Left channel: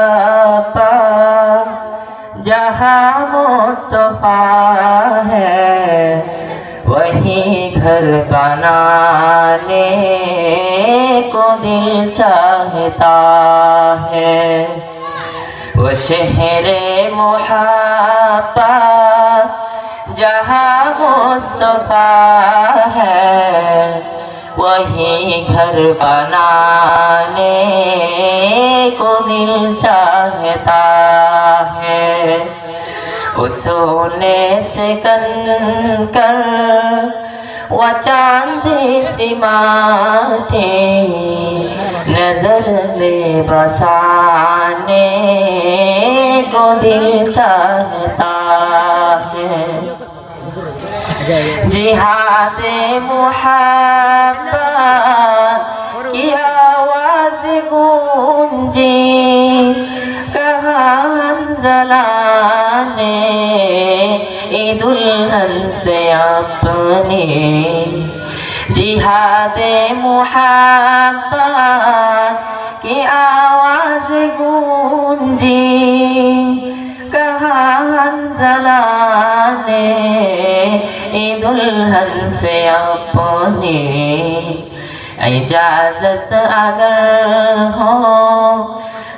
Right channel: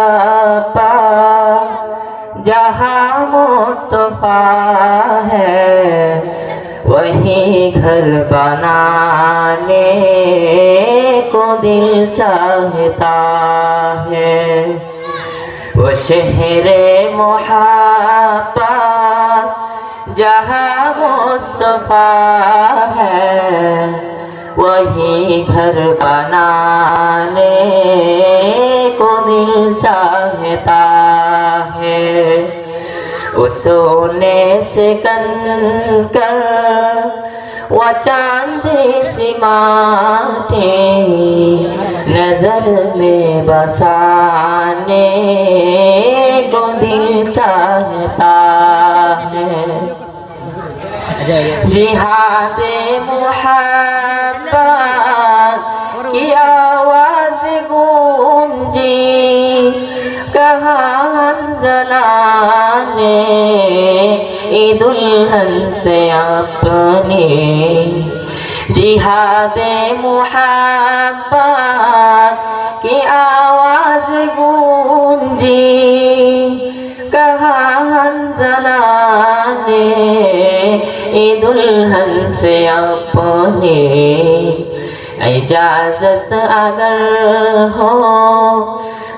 मुहाब्बा जहाँ मुस्तफा है वहीं घर बनाने को दिल चाहता है। वो शहरे मुहाब्बा जहाँ मुस्तफा है वहीं घर बनाने को दिल चाहता है। वो सोने से कर वो चांदी सी माथे नजर में बसाने को दिल चाहता है। जिहादे मुहब्बत की आवाज गूंजी कहाँ जलाने दुल्हन से अपने। जिहादे मुहब्बत की आवाज गूंजी कहाँ जलाने दुल्हन से अपने। इजाजत अगर हो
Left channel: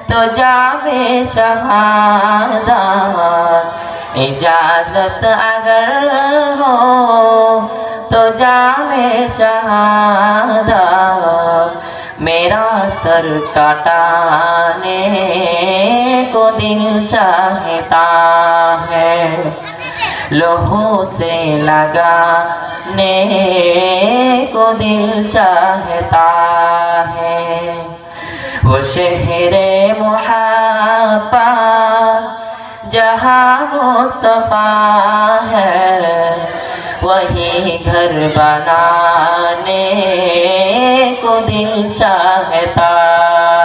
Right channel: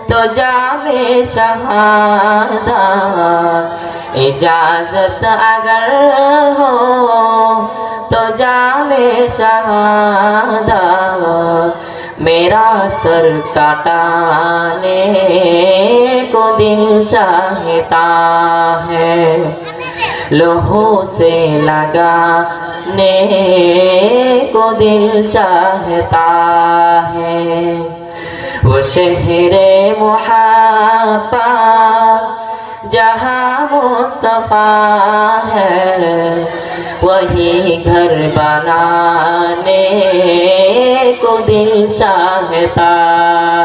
तो जामे शहादा, इजाजत अगर हो तो जामे शहादा मेरा सर काटने को दिल चाहता है। लोहों से लगाने को दिल चाहता है। वो शहरे मुहाब्बा जहाँ मुस्तफा है वही घर बनाने को दिल चाहता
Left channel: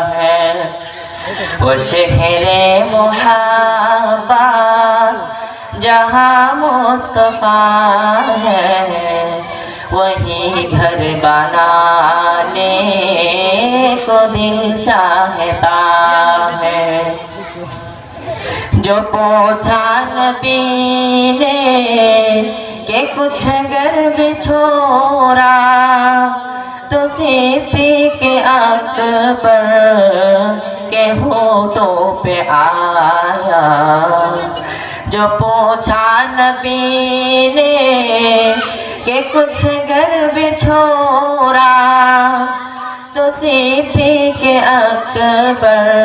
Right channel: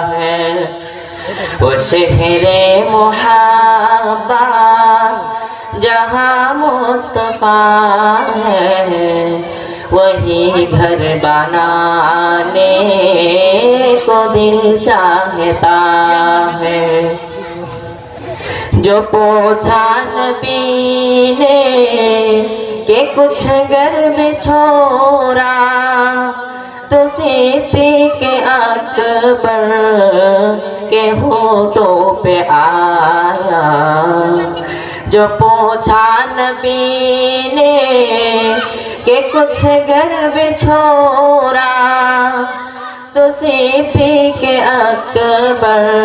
है। वो शहरे मुहाब्बा जहाँ मुस्तफा है वही घर बनाने को दिल चाहता है। जो पूछा नबी ने कि कुछ घर में छोड़ा तो सिद्दीक़ अकबर के होठों पे आया। जो पूछा नबी ने कि कुछ घर में छोड़ा तो सिद्दीक़ अकबर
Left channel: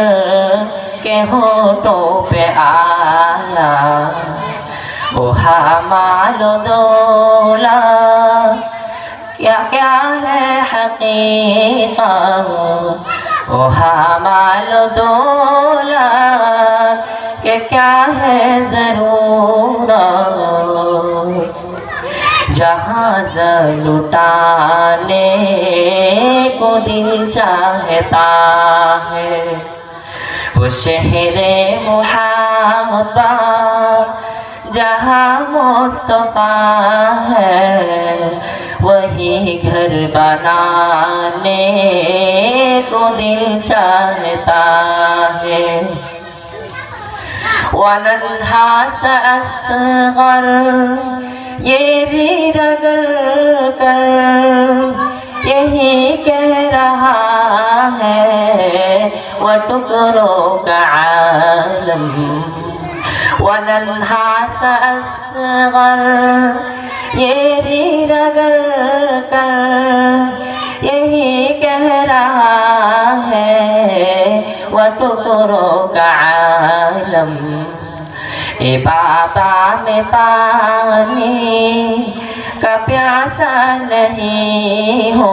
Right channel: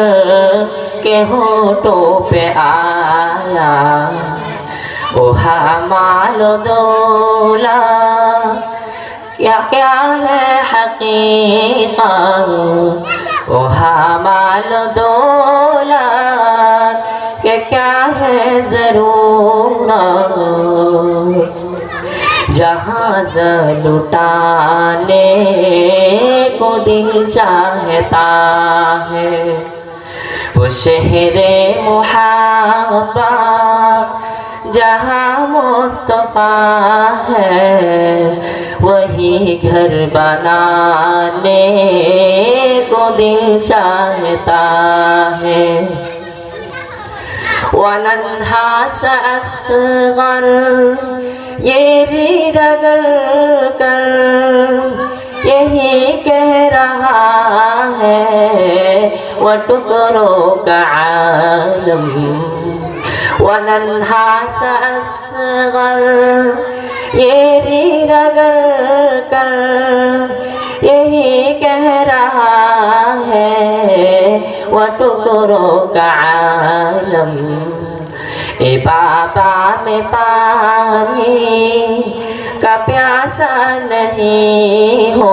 के होठों पे आया। ओ हमालो दौला क्या क्या है हकीका, ओ हमालो दौला क्या क्या है ज़रूरत। जहाज़ लुटाने को दिल चाहता है। वो शहरे मुहाब्बा जहाँ मुस्तफा है वही घर बनाने को दिल चाहता है। वनन्हा असग़र ये रीद कर यही कह रहा है वो टुकड़ों का आलम। वनन्हा असग़र ये रीद कर यही कह रहा है वो टुकड़ों का आलम। ए बाबा में पानी का प्यासा नहीं हो,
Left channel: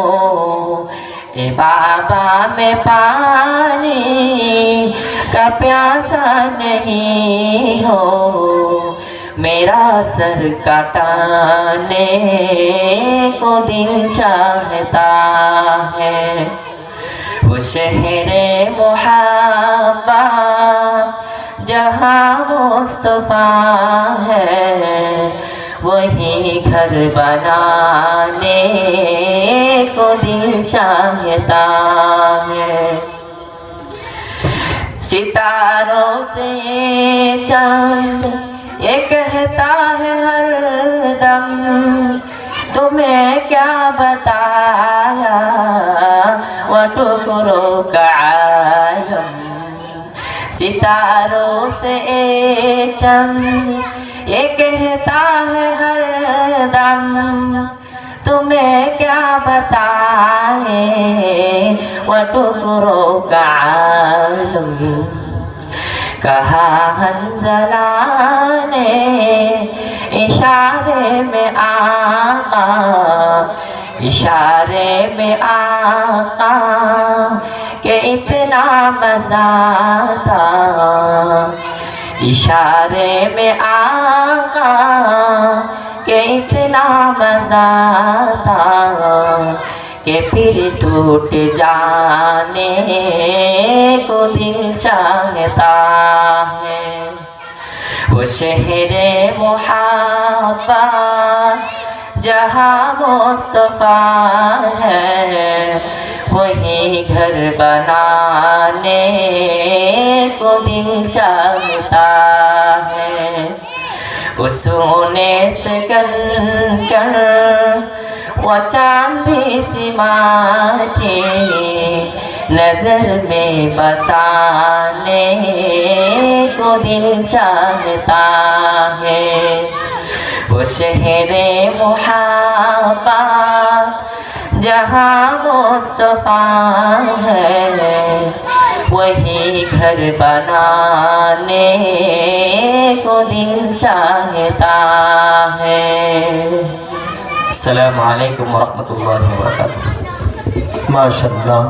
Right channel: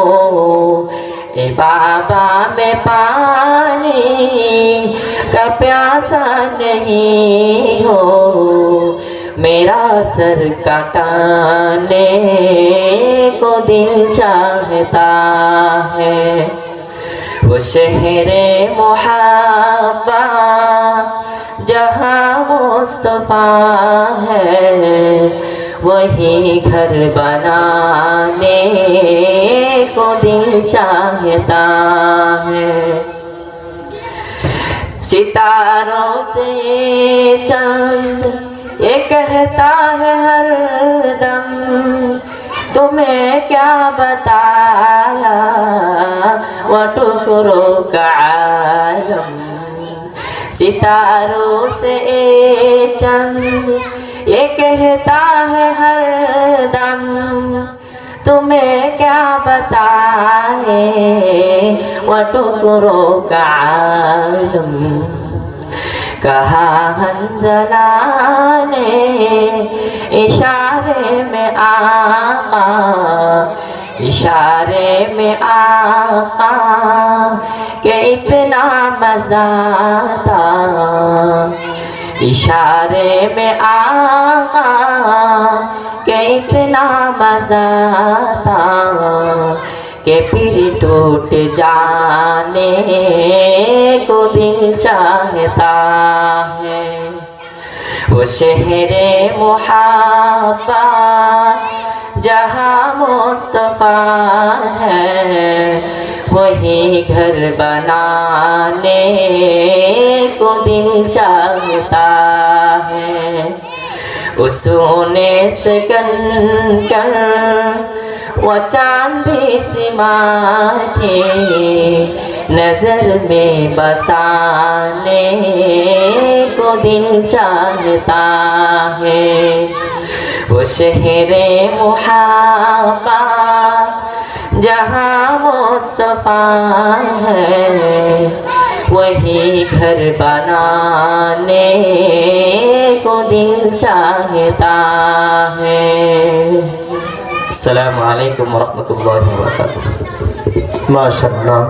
ए बाबा में पानी का प्यासा नहीं हो। मेरा सर काटने को दिल चाहता है। वो शहरे मुहाब्बा जहाँ मुस्तफा है वही घर बनाने को दिल चाहता है। सितारों से चंद ये कहता है हर दम, तुम्हें क्या बताया वो टुकड़ों का आलम। सितारों से चंद ये कहता है हर दम, तुम्हें क्या बताए वो टुकड़ों का आलम। कहा हंज़ला ने इशारे में आका, इशारे में आका के इतना मज़ा था। इशारे में आका के इतना मज़ा था कि फिर टूट जाने को दिल चाहता है। वो शहरे मुहब्बत जहाँ मुस्तफ़ा है, वही घर बनाने को दिल चाहता है। वो सोने से कंकर वो चांदी सी माटी नजर में बसाने को दिल चाहता है। वो शहरे मुहब्बत जहाँ मुस्तफ़ा है, वही घर बनाने को दिल चाहता है। अस्सलामु अलैकुम वरहमतुल्लाहि वबरकातुहू। माशाअल्लाह।